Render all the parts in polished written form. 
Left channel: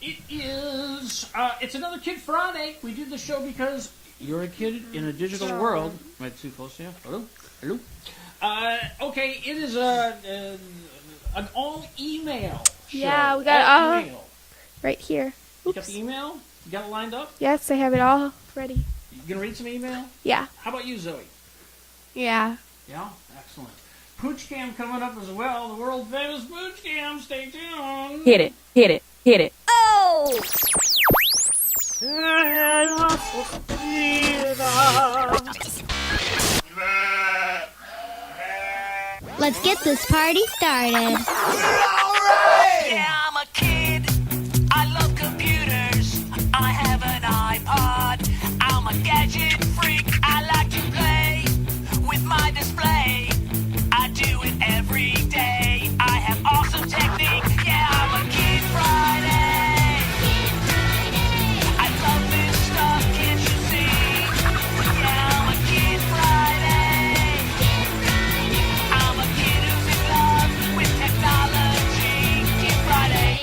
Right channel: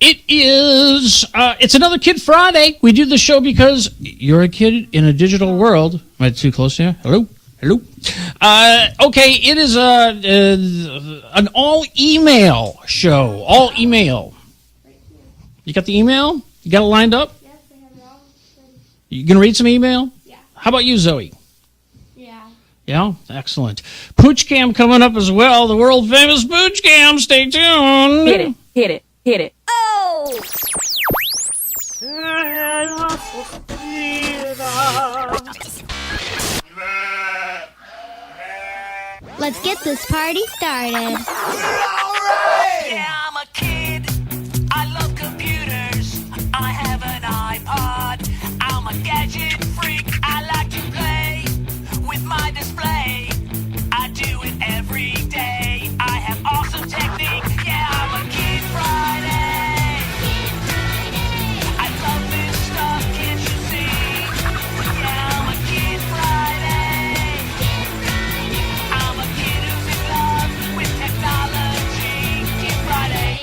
It is, it's another Kid Friday. We do the show because you're a kid in a digital world. Am I too close here? Hello? Hello? Okay, it is an all-email show. Yeah, all email. Right here. You got the email? You got it lined up? Yes, I have it all ready. You gonna read some email? Yeah. How about you, Zoe? Yeah. Yeah? Excellent. Pooch Cam coming up as well. The world-famous Pooch Cam. Stay tuned. Hit it. Hit it. Hit it. Oh! Let's get this party started. Yeah, I'm a kid. I love computers. I have an iPod. I'm a gadget freak. I like to play with my display. I do it every day. I have awesome technique. Yeah, I'm a Kid Friday. I love this stuff, can't you see? Yeah, I'm a Kid Friday. I'm a kid who's in love with technology. Kid Friday.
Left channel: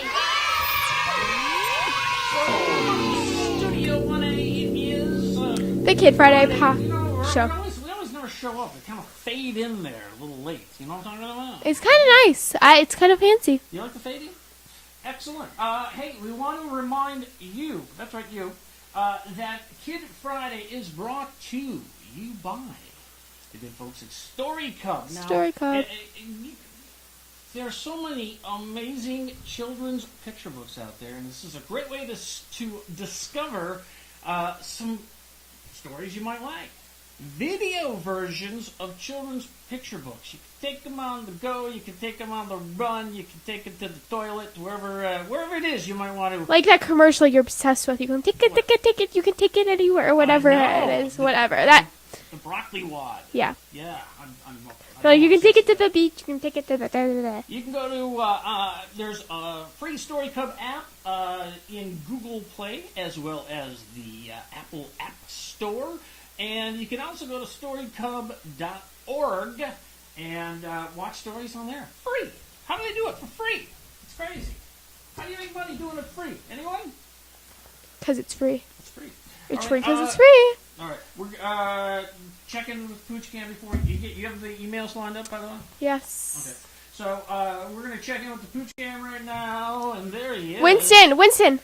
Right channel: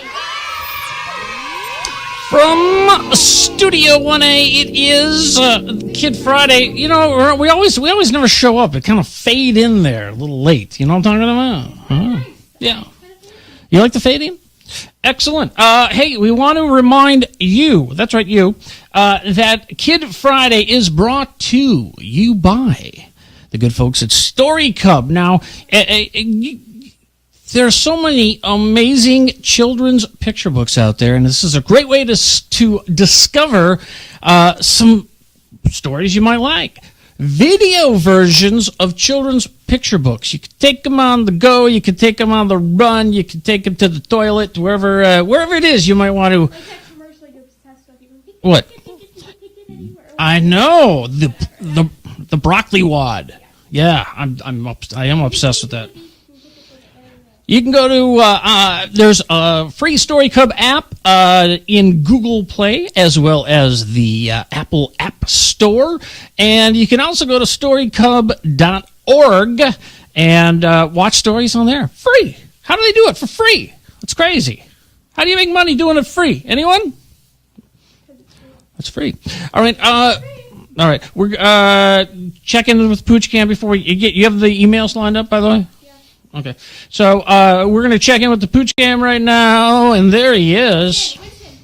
From Studio 1A, it is The Kid Friday. Friday. You know, we always never show up. It kind of fade in there a little late. You know what I'm talking about? It's kind of nice. Yeah. It's kind of fancy. You like the fading? Excellent. Hey, we want to remind you, that's right, you, that Kid Friday is brought to you by the good folks at Story Cub. Now, Story Cub. there are so many amazing children's picture books out there, and this is a great way to discover some stories you might like. Video versions of children's picture books. You can take them on the go. You can take them on the run. You can take them to the toilet, wherever it is you might want to. Like that commercial you're obsessed with. You can take it, What? take it, take it. You can take it anywhere, or I whatever. know. It is, whatever. The broccoli wad. Yeah. Yeah, I am You obsessed can take with it to the that. beach. You can take it to the... You can go to, there's a free Story Cub app in Google Play as well as the Apple App Store. And you can also go to storycub.org and watch stories on there. Free. How do they do it for free? It's crazy. How do you make money doing it free? Anyone? Because it's free. It's free. It's All right. free 'cause it's free. All right. We're checking with Pooch Cam before you have the emails lined up, by the way? Yes. Okay. So we're going to check in with the Pooch Cam right now, and there he is. Winston,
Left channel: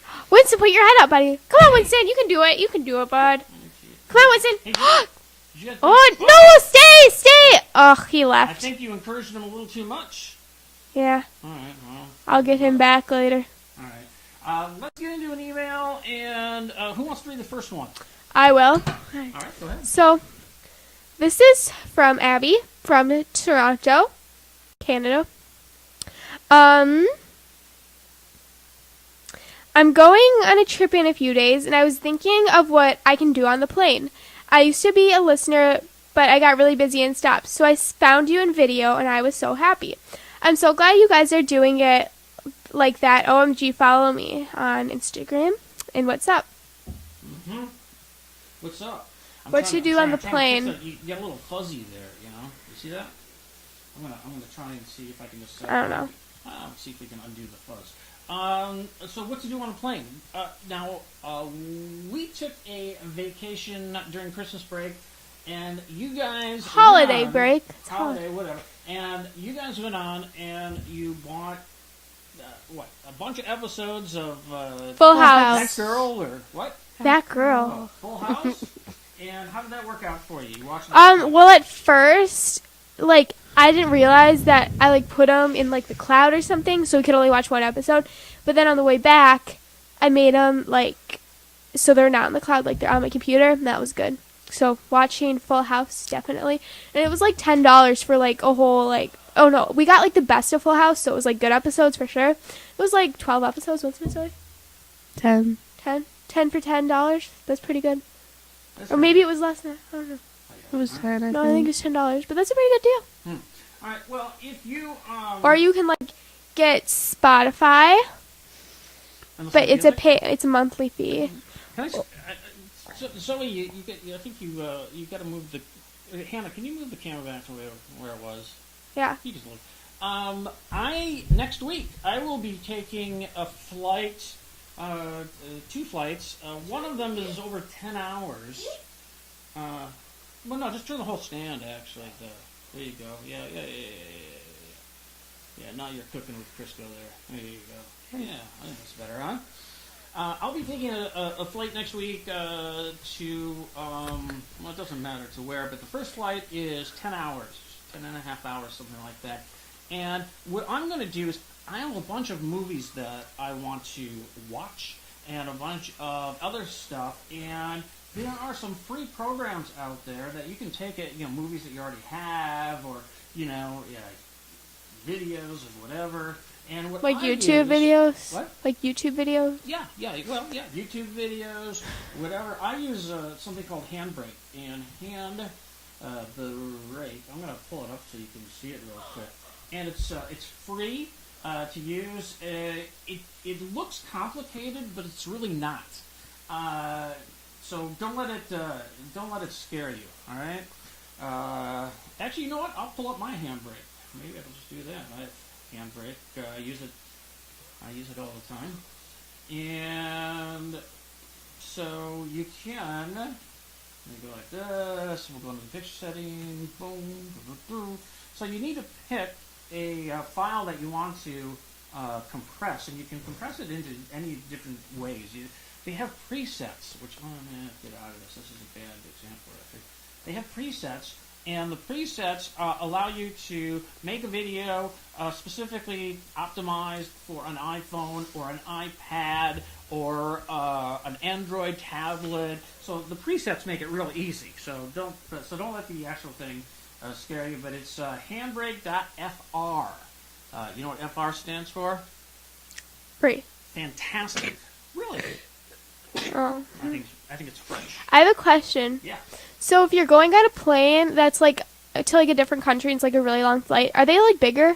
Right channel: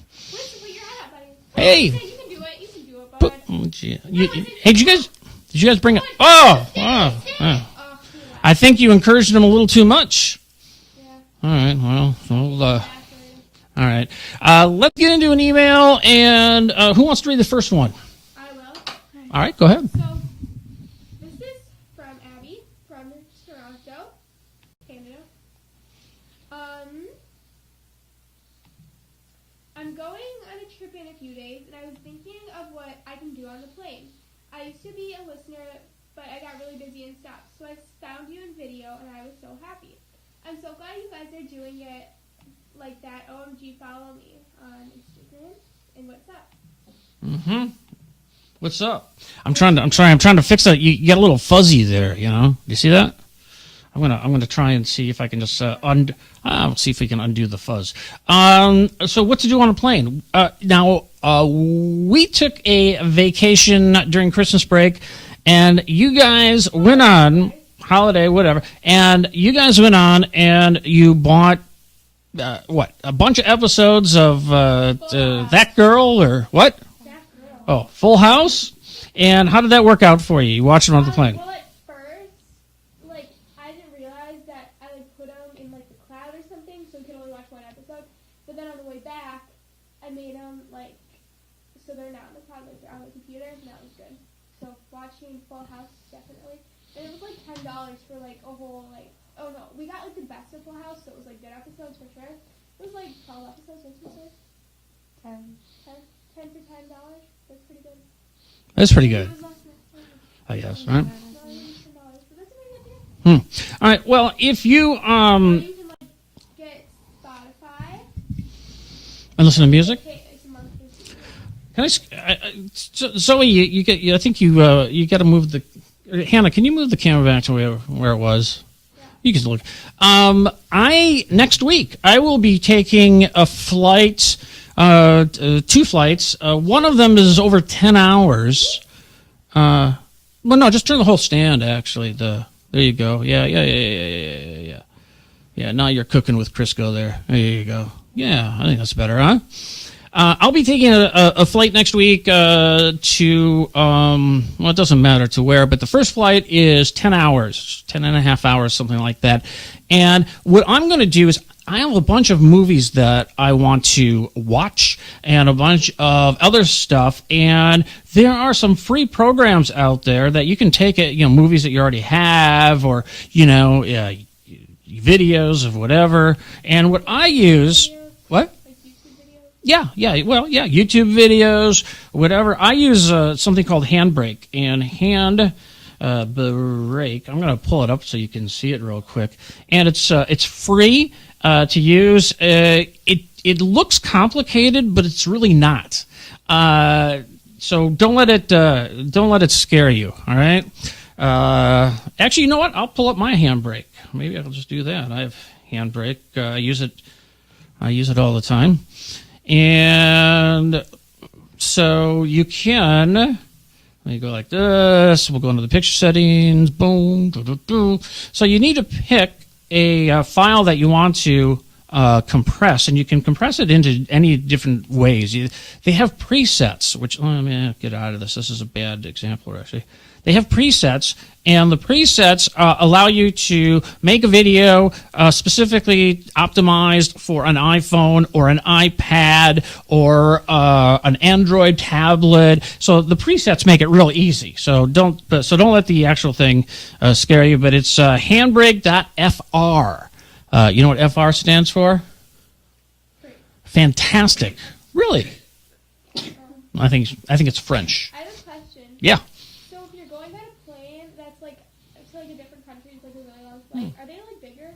put your head up, buddy. Come on, Hey. Winston. You can do it. You can do it, bud. Oh, gee. Come on, Winston. Hey, did you guys bring it? Oh, no, stay. oh. Oh, he left. I think you encouraged him a little too much. Yeah. All right. Well, I'll get him back later. All right. Let's get into an email, and who wants to read the first one? I will. All right. Go ahead. So, this is from Abby from Toronto, Canada. I'm going on a trip in a few days, and I was thinking of what I can do on the plane. I used to be a listener, but I got really busy and stopped. So I found you in video, and I was so happy. I'm so glad you guys are doing it like that. OMG, follow me on Instagram. And what's up? Mm-hmm. What's up? I'm What trying you to. I'm do sorry. on I'm the trying to plane? fix that. You got a little fuzzy there. You know. You see that? I'm gonna try and see if I can just I'll see if we can undo the fuzz. So what to do on a plane? Now we took a vacation during Christmas break, and you guys went on holiday, whatever. And you guys went on and you bought a bunch of episodes of Full House. That Girl or what? That girl. Oh, Full House. And how did that work out for you? You watched it on the plane. Well, at first, like, I didn't realize that I, like, put them in, like, the cloud or something, so we could only watch one episode. But then on the way back, I made them, like, so they're not in the cloud, like, they're on my computer, and that was good. So watching Full House, definitely. And it was, like, $10 for, like, a whole, like, oh, no, we got, like, the best of Full House, so it was, like, good episodes for sure. It was, like, 12 episodes. What's my story? 10. 10 for $10. That's pretty good. That's Or pretty maybe good. it was less than that. I don't know. I guess. It was Right? 10, No, I think it's $10, but that's a pretty good deal. All right. Well, if you Or you can, like, get Spotify, and listen but to it's music. it's a monthly fee. Can Zoe, you I think you got to move the Hannah. Can you move the camera back to where it was? Yeah. You can look. Next week I will be taking a flight 2 flights. One of them is over 10 hours. Well, no, just turn the whole stand, actually. There you go. Yeah. Yeah, now you're cooking with Crisco there. There you go. Yeah, I think that's better, huh? I'll be taking a flight next week to, well, it doesn't matter to where, but the first flight is 10 hours, 10 and a half hours, something like that. And what I'm going to do is I have a bunch of movies that I want to watch and a bunch of other stuff. And there are some free programs out there that you can take it, movies that you already have or, videos of whatever. And what Like I YouTube use... videos? What? Like YouTube videos? Yeah, YouTube videos, whatever. I use something called Handbrake. And Handbrake, I'm going to pull it up so you can see it real quick. And it's free to use. It looks complicated, but it's really not. So don't let it scare you. All right. Actually, you know what? I'll pull up my Handbrake. Maybe I'll just do that. I have Handbrake. I use it all the time. And so you can, let me go like this. We'll go into the picture settings. Boom. Doo. So you need to pick a file that you want to compress, and you can compress it into any different ways. They have presets, which, let me get out of this. This is a bad example, actually. They have presets, and the presets allow you to make a video specifically optimized for an iPhone or an iPad or an Android tablet. So the presets make it real easy. So don't let the actual thing scare you. But it's handbrake.fr. You know what FR stands for? Free. Fantastic. Really? Oh. I think it's French. I have a question. Yeah. So if you're going on a plane that's like to like a different country and it's like a really long flight, are they like bigger?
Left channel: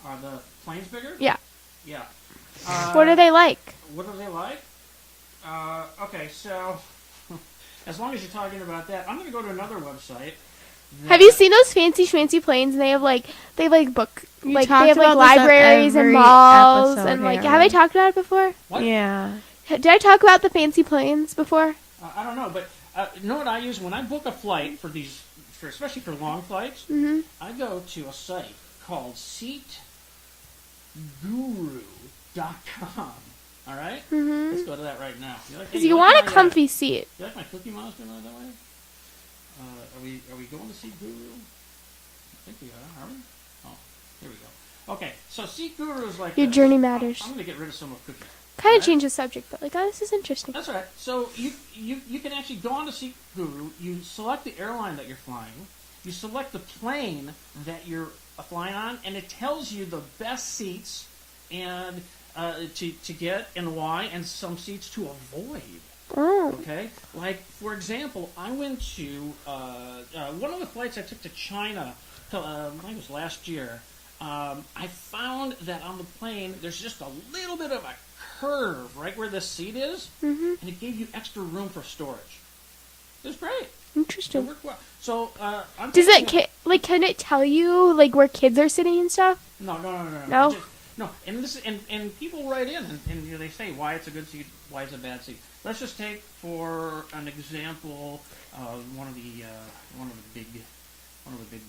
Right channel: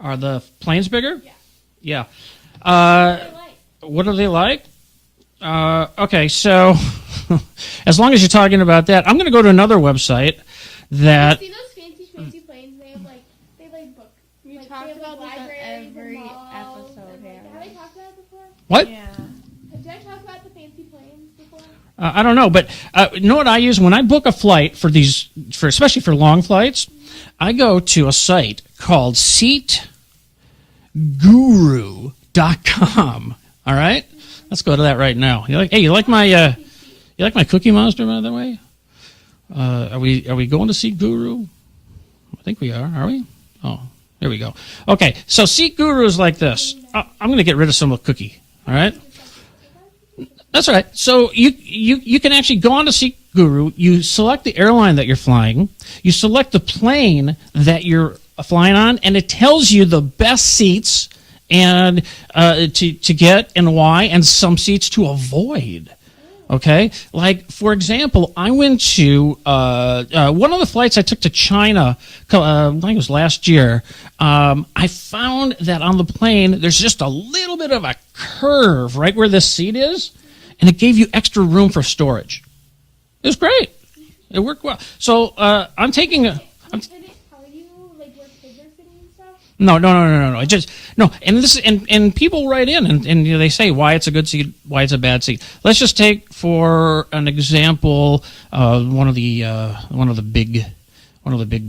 Are the planes bigger? Yeah. Yeah. What are they like? What are they like? Okay, so as long as you're talking about that, I'm going to go to another website. Have you seen those fancy schmancy planes? And they have book, You like they talked have like about this on libraries and every malls episode and like. here. Have I talked about it before? What? Yeah. Did I talk about the fancy planes before? I don't know, but you know what I use when I book a flight especially for long flights? Mm-hmm. I go to a site called SeatGuru.com. All right, let's go to that right now. You like my comfy seat? You like my Cookie Monster, by the way? Are we going to Seat Guru? I think we are. Are we? Oh, here we go. Okay, so Seat Guru is like Your this. journey matters. I'm going to get rid of some of Cookie. Kind of Right. change the subject, but like, oh, this is interesting. That's all right. So you can actually go on to Seat Guru. You select the airline that you're flying. You select the plane that you're flying on, and it tells you the best seats and to get and why, and some seats to avoid. Oh. Okay, like for example, I went to one of the flights I took to China. I think it was last year. I found that on the plane there's just a little bit of a curve right where this seat is, and it gave you extra room for storage. It was great. Interesting. It worked well. So I'm Does taking can it tell you like where kids are sitting and stuff? No. No? Just no. And this and people write in and they say why it's a good seat, why it's a bad seat. Let's just take for an example one of the big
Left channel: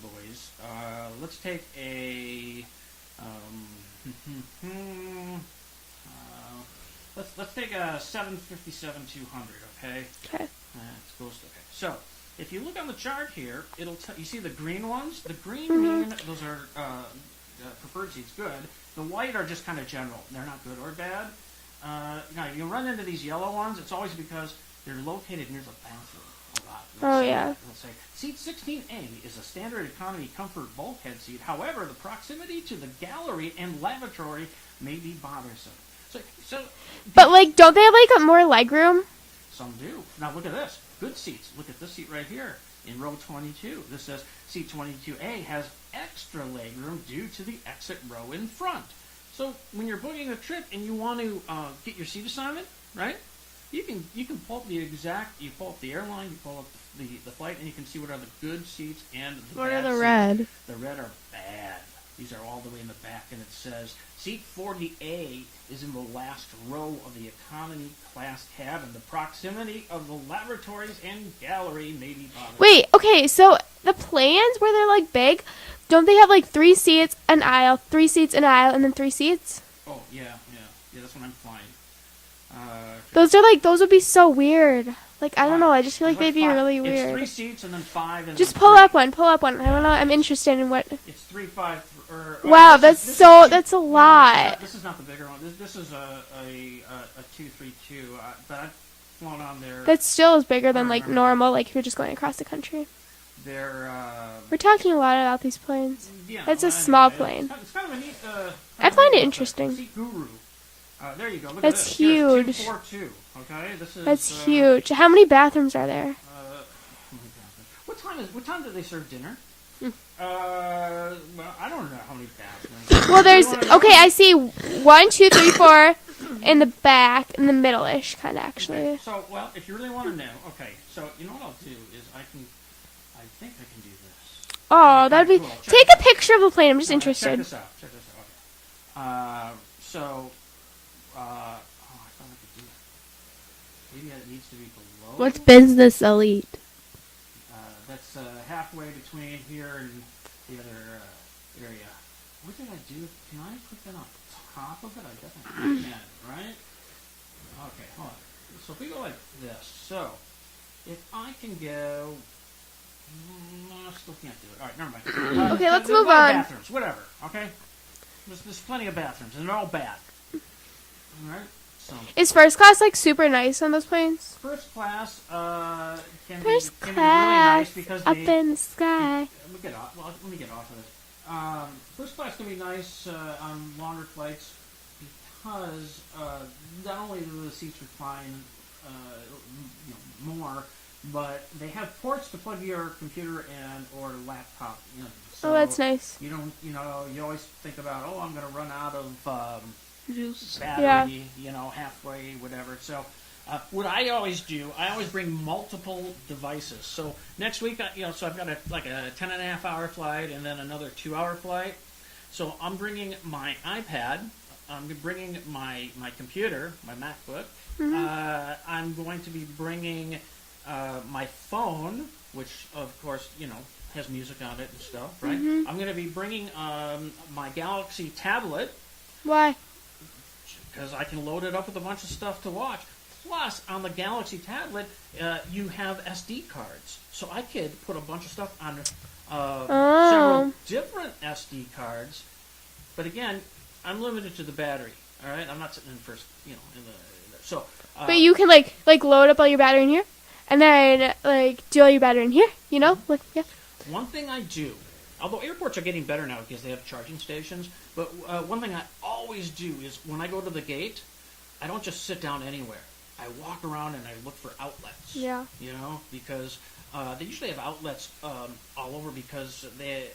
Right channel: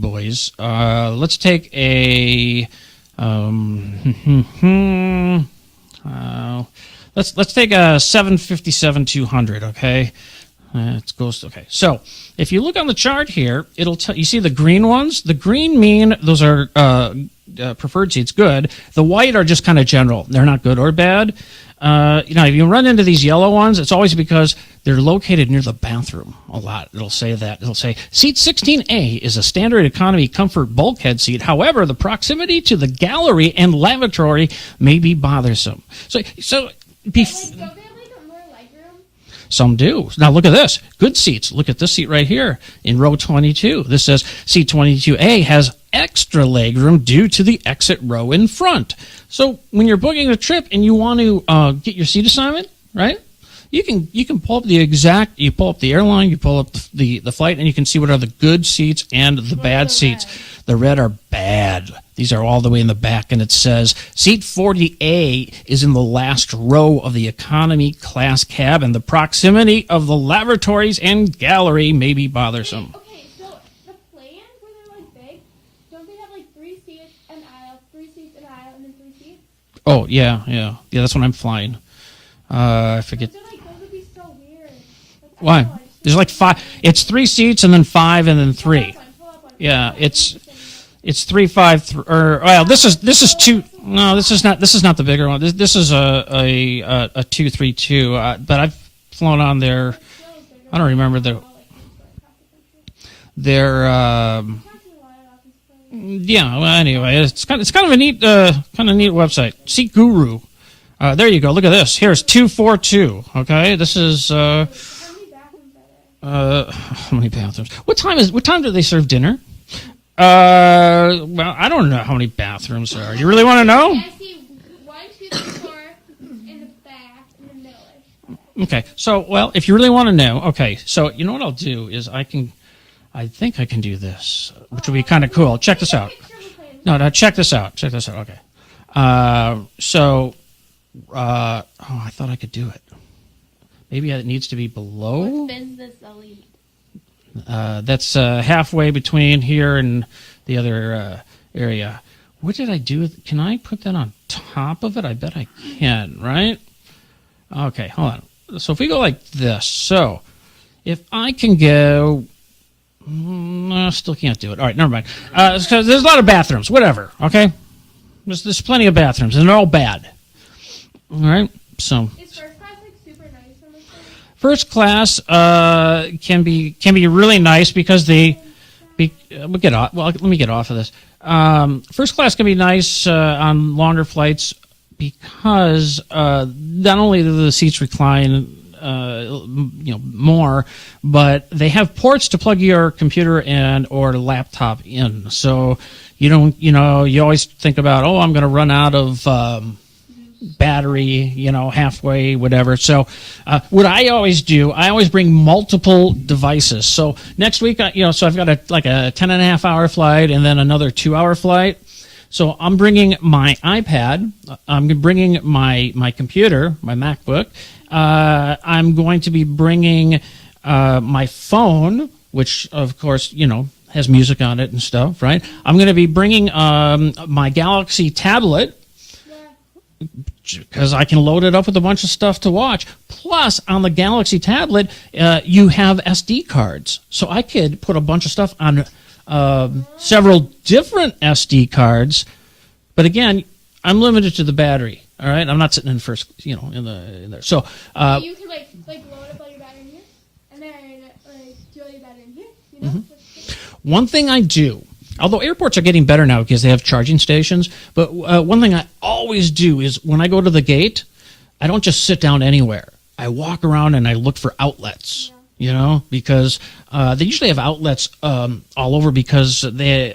boys. Let's take a let's take a 757-200. Okay. Okay. So if you look on the chart here, it'll tell you see the green ones. The green mean those are preferred seats, good. The white are just kind of general. They're not good or bad. If you run into these yellow ones, it's always because they're located near the bathroom a lot. It'll say that. It'll say, seat 16A is a standard economy comfort bulkhead seat. However, the proximity to the gallery and lavatory may be bothersome. But don't they have like more legroom? Some do. Now look at this. Good seats. Look at this seat right here in row 22. This says seat 22A has extra legroom due to the exit row in front. So when you're booking a trip and you want to get your seat assignment, right? You can pull up you pull up the airline, you pull up the flight, and you can see what are the good seats and the bad seats. Red. The red are bad. These are all the way in the back, and it says seat 40A is in the last row of the economy class cabin. The proximity of the lavatories and gallery may be bothersome. Wait, okay, so the planes where they're like big, don't they have like 3 seats, an aisle, 3 seats, an aisle, and then 3 seats? Oh, yeah. That's what I'm flying. I forget. Those would be so weird. Like, I Why? don't know, I just feel There's like like they'd five. be really weird. It's 3 seats and then 5 and Just then pull 3. up one. Yeah, I don't know, I'm it's- interested in what... It's 3, 5, or Wow, this is that's 2. that's a No, lot. this is not the bigger one. This is a 232. But I've flown on there. That still is bigger I than don't like remember the- normal, like if you're just going across the country. They're We're talking a lot about these planes. yeah. That's Well, a small anyway, plane. it's kind of a neat find it website. interesting. Seat Guru. There you go. Look at That's this. Here's huge. 242. Okay, this is That's huge. How many bathrooms are there? how many bathrooms? What time do they serve dinner? Well, I don't know how many bathrooms there are. Well, You really there's- want to know? Okay, I see 1, 2, 3, 4 in the back, in the middle-ish, kind of, actually. Okay, so, well, if you really want to know, okay, so you know what I'll do is I think I can do this, which would be kind that'd of cool. Check take this a out. picture of the plane. I'm just No, interested. check this out. Okay. I thought I could do it. Maybe it needs to be below. What's business elite? That's halfway between here and the other area. What did I do? Can I put that on top of it? I bet I can, right? Okay, hold on. So if we go like this, so if I can go... No, still can't do it. All right, never mind. So let's there's a move lot of on. bathrooms, whatever, okay? There's plenty of bathrooms, and they're all bad. All right, so... Is first class, like, super nice on those planes? First class can be First really class, nice because Up they in the sky. we'll get off. Well, let me get off of this. First class can be nice on longer flights because not only do the seats recline, more, but they have ports to plug your computer and or laptop in. So Oh, that's nice. you don't, you always think about, I'm going to run out of battery, halfway, whatever. So what I always do, I always bring multiple devices. So next week, so I've got a 10.5-hour flight and then another 2-hour flight. So I'm bringing my iPad. I'm bringing my computer, my MacBook. I'm going to be bringing my phone, which, of course, has music on it and stuff, right? I'm going to be bringing my Galaxy tablet Why? because I can load it up with a bunch of stuff to watch. Plus, on the Galaxy tablet, you have SD cards. So I could put a bunch of stuff on several different SD cards. But again, I'm limited to the battery. All right? I'm not sitting in first, in there. So, But you can, like load up all your battery in here, and then, do all your battery in here, Like, yeah. one thing I do, although airports are getting better now because they have charging stations, but one thing I always do is when I go to the gate, I don't just sit down anywhere. I walk around and I look for outlets, because they usually have outlets all over because they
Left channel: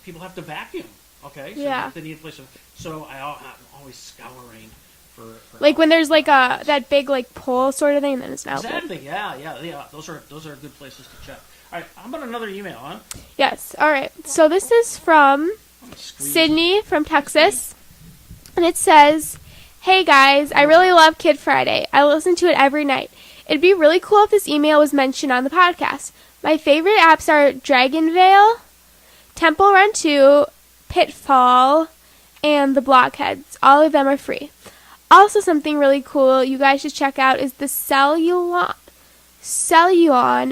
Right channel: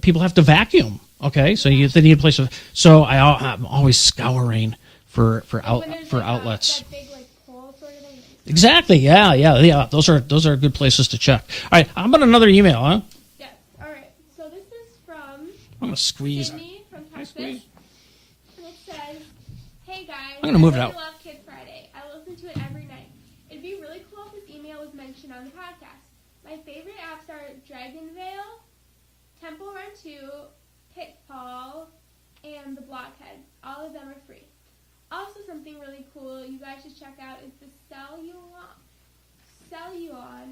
people have to vacuum, okay? So Yeah. they need a place to... So I'm always scouring for Like when there's, for outlets. that big, pole sort of thing, then it's not. Exactly, yeah. Those are good places to check. All right, how about another email, huh? Yes. All right. So this is from I'm gonna squeeze. Sydney from Texas, and it says, "Hey guys, gonna I move really out. love Kid Friday. I listen to it every night. It'd be really cool if this email was mentioned on the podcast. My favorite apps are Dragonvale, Temple Run 2, Pitfall, and the Blockheads. All of them are free. Also, something really cool you guys should check out is the Celluon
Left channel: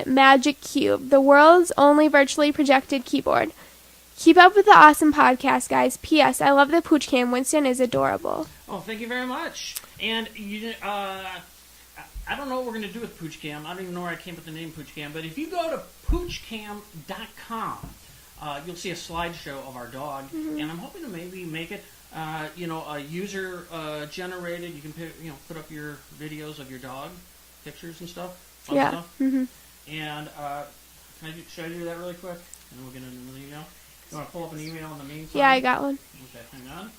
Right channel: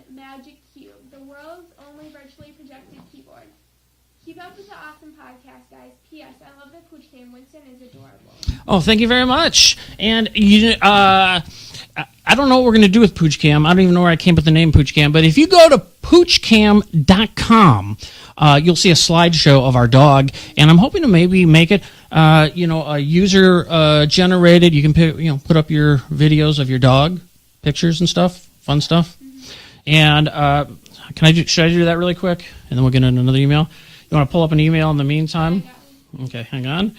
Magic Cube, the world's only virtually projected keyboard. Keep up with the awesome podcast, guys. P.S. I love the Pooch Cam. Winston is adorable." Oh, thank you very much. And I don't know what we're going to do with Pooch Cam. I don't even know where I came up with the name Pooch Cam. But if you go to poochcam.com, you'll see a slideshow of our dog. And I'm hoping to maybe make it, a user generated. You can put up your videos of your dog, pictures and stuff, fun Yeah. stuff. And should I do that really quick? And then we'll get in another email. You want to pull up an email in the meantime? Yeah, I got one. Okay, hang on.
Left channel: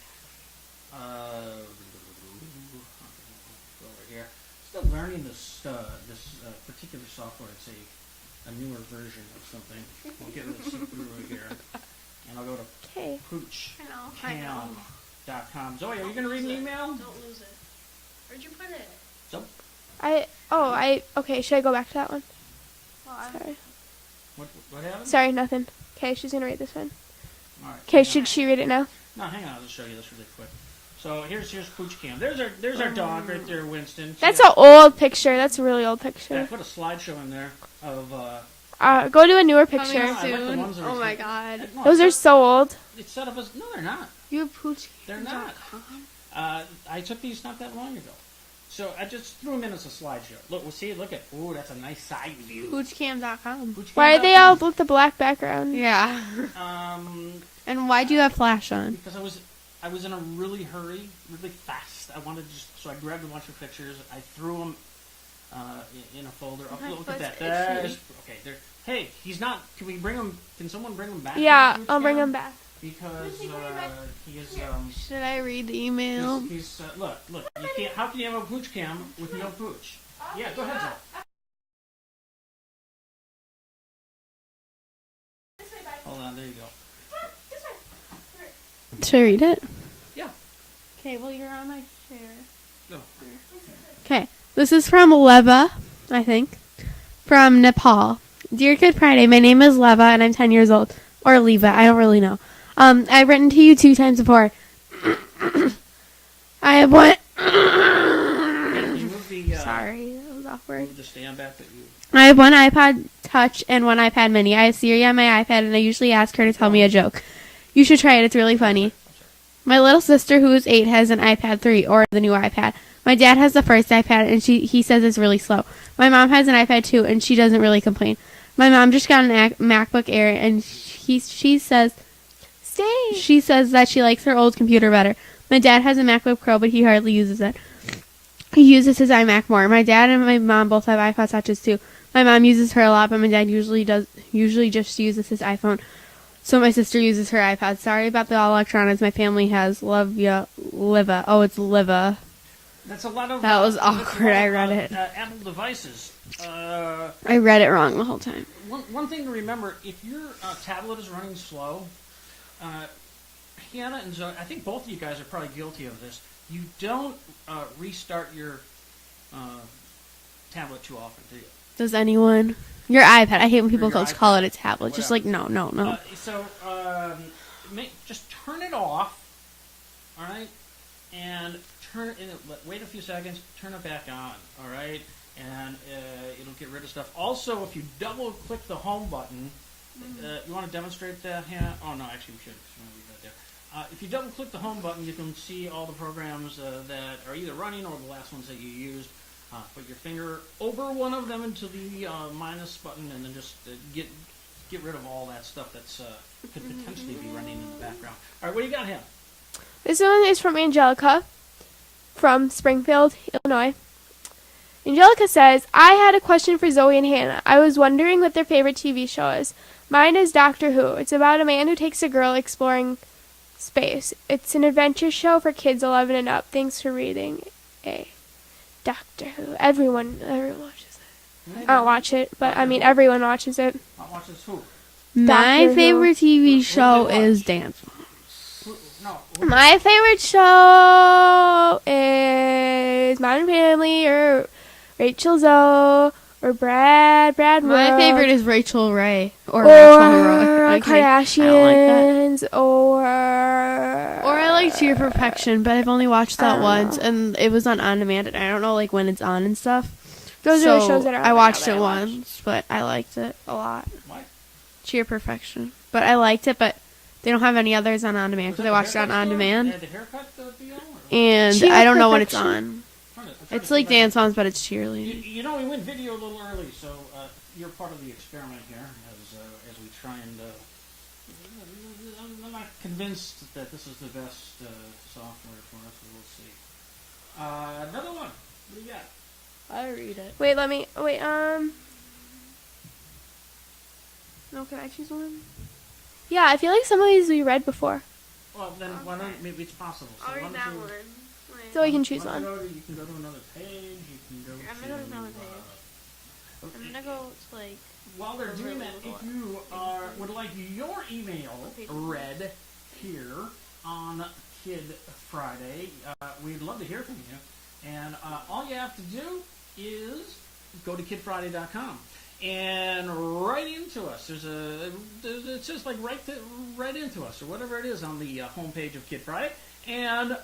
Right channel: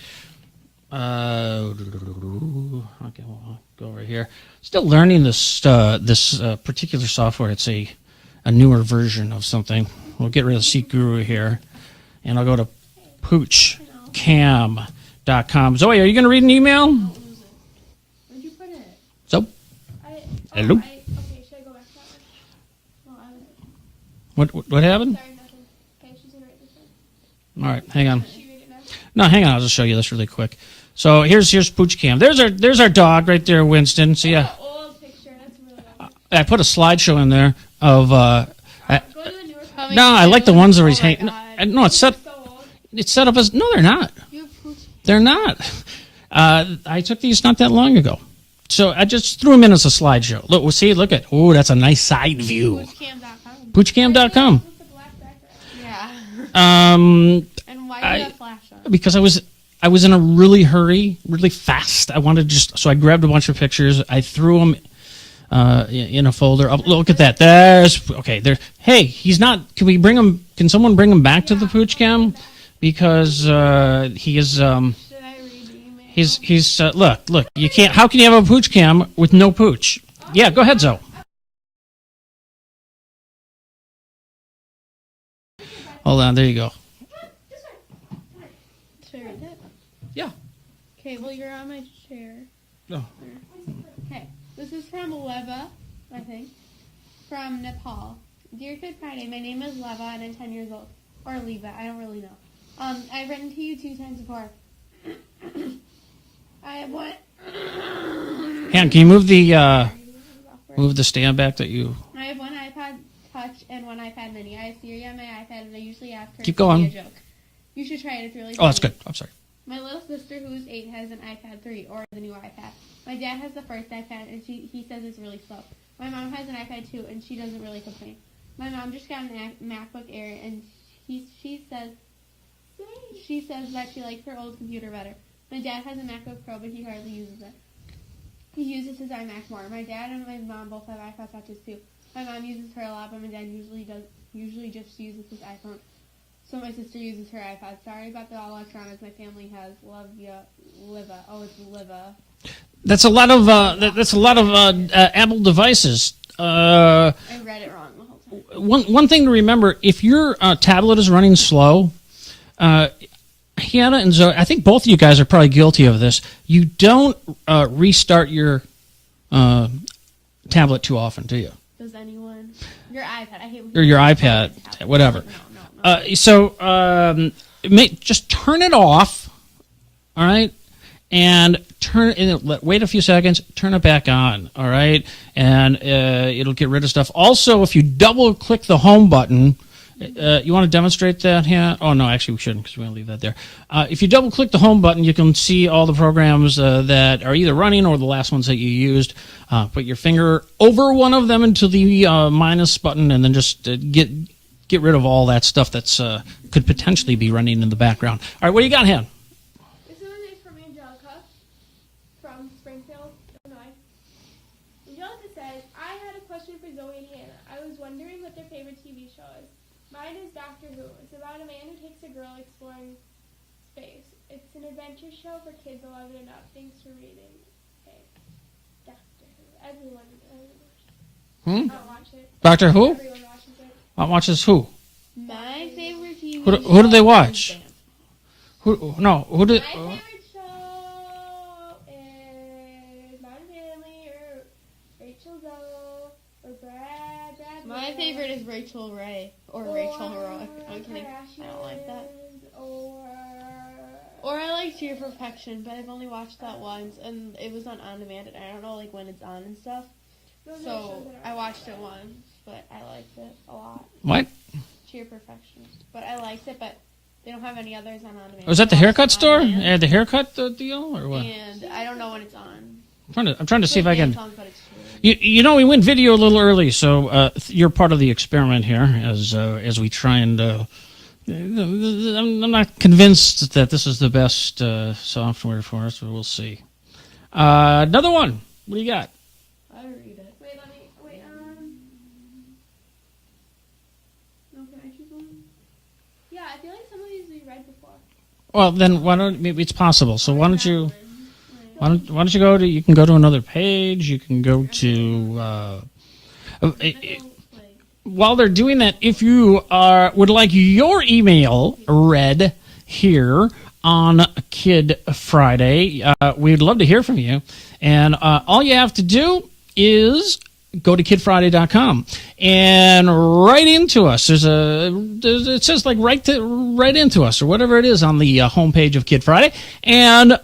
Okay, we'll go over here. Still learning this particular software. It's a newer version of something. We'll get rid of Seat Guru here, and I'll go to Okay. poochcam.com. Zoe, are you going to read an email? Where'd you put it? So, Hello? Okay, should I go back to that one? Sorry. what happened? Sorry, nothing. Okay, she's gonna read this one. All right. Okay, hang on. should she read it now? No, hang on. I'll just show you this really quick. So here's Pooch Cam. There's our dog right there, Winston. See, That's an old picture. That's a really old picture. I put a slideshow in there of. Go to a newer picture. No, I like the ones where he's Oh my hanging. God. No, it's Those are set. so old. It's set up as. No, they're not. You have pooch. They're not. I took these not that long ago. So I just threw them in as a slideshow. Look, look at. Oh, that's a nice side view. Poochcam.com. Why are they all Poochcam.com. with the black background? Yeah. Um, And why do you have flash on? because I was in a really hurry, really fast. I wanted so I grabbed a bunch of pictures. I threw them in a folder. Oh, look at that. There. Hey, he's not. Can we bring him? Can someone bring him back Yeah, to the Pooch I'll bring Cam? them back. Because he is. Should I read the email? He's look. You can't. How can you have a Pooch Cam with no pooch? Yeah, go ahead, Zoe. Hold on. There you go. Should I read it? Yeah. Okay, well, you're on my chair. Oh. Okay, this is from Leva, I think, from Nepal. Dear Good Friday, my name is Leva and I'm 10 years old. Or Leva, I don't really know. I've written to you 2 times before. I have one. Can you move the Sorry, that was awkward. move the stand back that you? I have one iPod Touch and one iPad Mini. I have Siri on my iPad and I usually ask her Keep to tell me going. a joke. You should try it, it's really Oh, that's funny. good. I'm sorry. My little sister, who is 8, has an iPad 3, or the new iPad. My dad has the first iPad, and he says it's really slow. My mom has an iPad 2, and she doesn't really complain. My mom just got an MacBook Air, and she says that she likes her old computer better. My dad has a MacBook Pro, but he hardly uses it. He uses his iMac more. My dad and my mom both have iPod Touches too. My mom uses her a lot, but my dad usually just uses his iPhone. So my sister uses her iPad. Sorry about the electronics my family has. Love ya, Liva. Oh, it's Liva. That's a lot of That was awkward. Apple devices. I read it wrong the whole time. One thing to remember: if your tablet is running slow, Hannah and Zoe, I think both of you guys are probably guilty of this. You don't restart your tablet too often, do you? Does anyone? Your iPad. I hate when people Your just call iPad, it a tablet. whatever. Just like, no. Just turn it off, all right, and wait a few seconds, turn it back on, all right, and it'll get rid of stuff. Also, if you double click the home button, you want to demonstrate that, Hannah? Oh no, actually we shouldn't because we're gonna leave that there. If you double click the home button, you can see all the programs that are either running or the last ones that you used. Put your finger over one of them into the minus button, and then just get rid of all that stuff that's could potentially be running in the background. All right, what do you got, Han? This one is from Angelica from Springfield, Illinois. Angelica says, I had a question for Zoe and Hannah. I was wondering what their favorite TV show is. Mine is Doctor Who. It's about a man who takes a girl exploring space. It's an adventure show for kids 11 and up. Thanks for reading. Doctor Who. Everyone watches it. I don't watch it, but Doctor Who? everyone watches it. Watches who? My Doctor favorite TV Who do show they watch? is Dance. Who My favorite show is Modern Family or Rachel Zoe or Brad My Wood. favorite is Rachel Ray or or Rachel Heroic. Okay, I Kardashians Or I like Cheer Perfection, but I've only watched that once, and it was on demand, and I don't know like when it's on and stuff. Those are the shows that are on I right watched now it that I watch. once, but I liked it a lot. What? Cheer Perfection, but I liked it, but they don't have any others on demand. Was so that I the watched it haircut on store? On-Demand, Yeah, the haircut deal, or what? and Cheer I don't know when it's Perfection. on. I'm trying to It's see like if I Dance can. Moms, but it's cheerleading. You know, we went video a little early, so you're part of the experiment here as we try and. I'm not convinced that this is the best software for us, but we'll see. Another one. What do you got? I read it. Wait, No, can I choose one? yeah, I feel like some of these we read before. Well, then why don't maybe it's possible. So why don't you? So Why I can don't, choose why don't you one. go to? You can go to another page. You can go to. While they're doing that, if you would like your email read, here on Kid Friday. We'd love to hear from you. And all you have to do is go to kidfriday.com and write into us. It says like write into us or whatever it is on the homepage of Kid Friday, and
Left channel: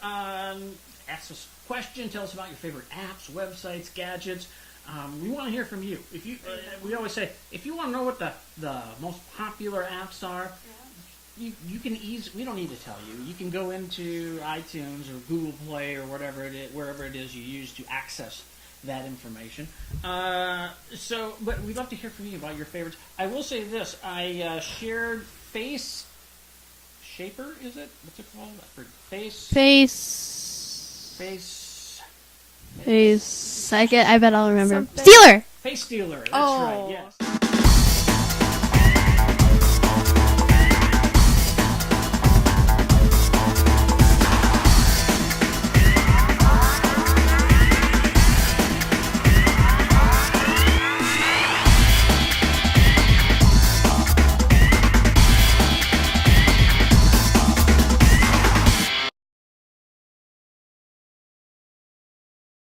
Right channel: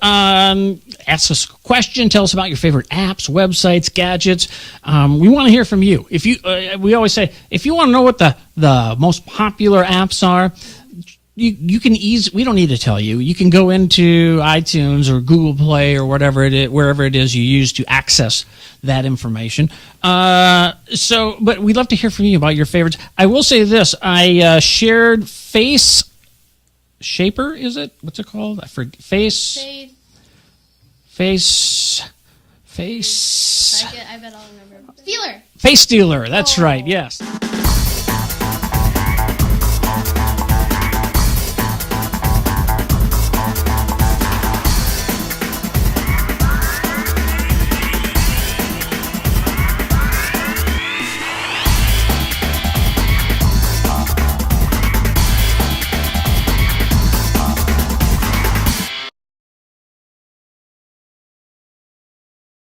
ask us a question. Tell us about your favorite apps, websites, gadgets. We want to hear from you. If you, we always say, if you want to know what the most popular apps are, you can we don't need to tell you. You can go into iTunes or Google Play or whatever it is, wherever it is you use to access that information. But we'd love to hear from you about your favorites. I will say this: I shared Face Shaper. Is it? What's it called? I forget. Face. I bet I'll remember. Something. Stealer. Face Stealer. That's right. Yes.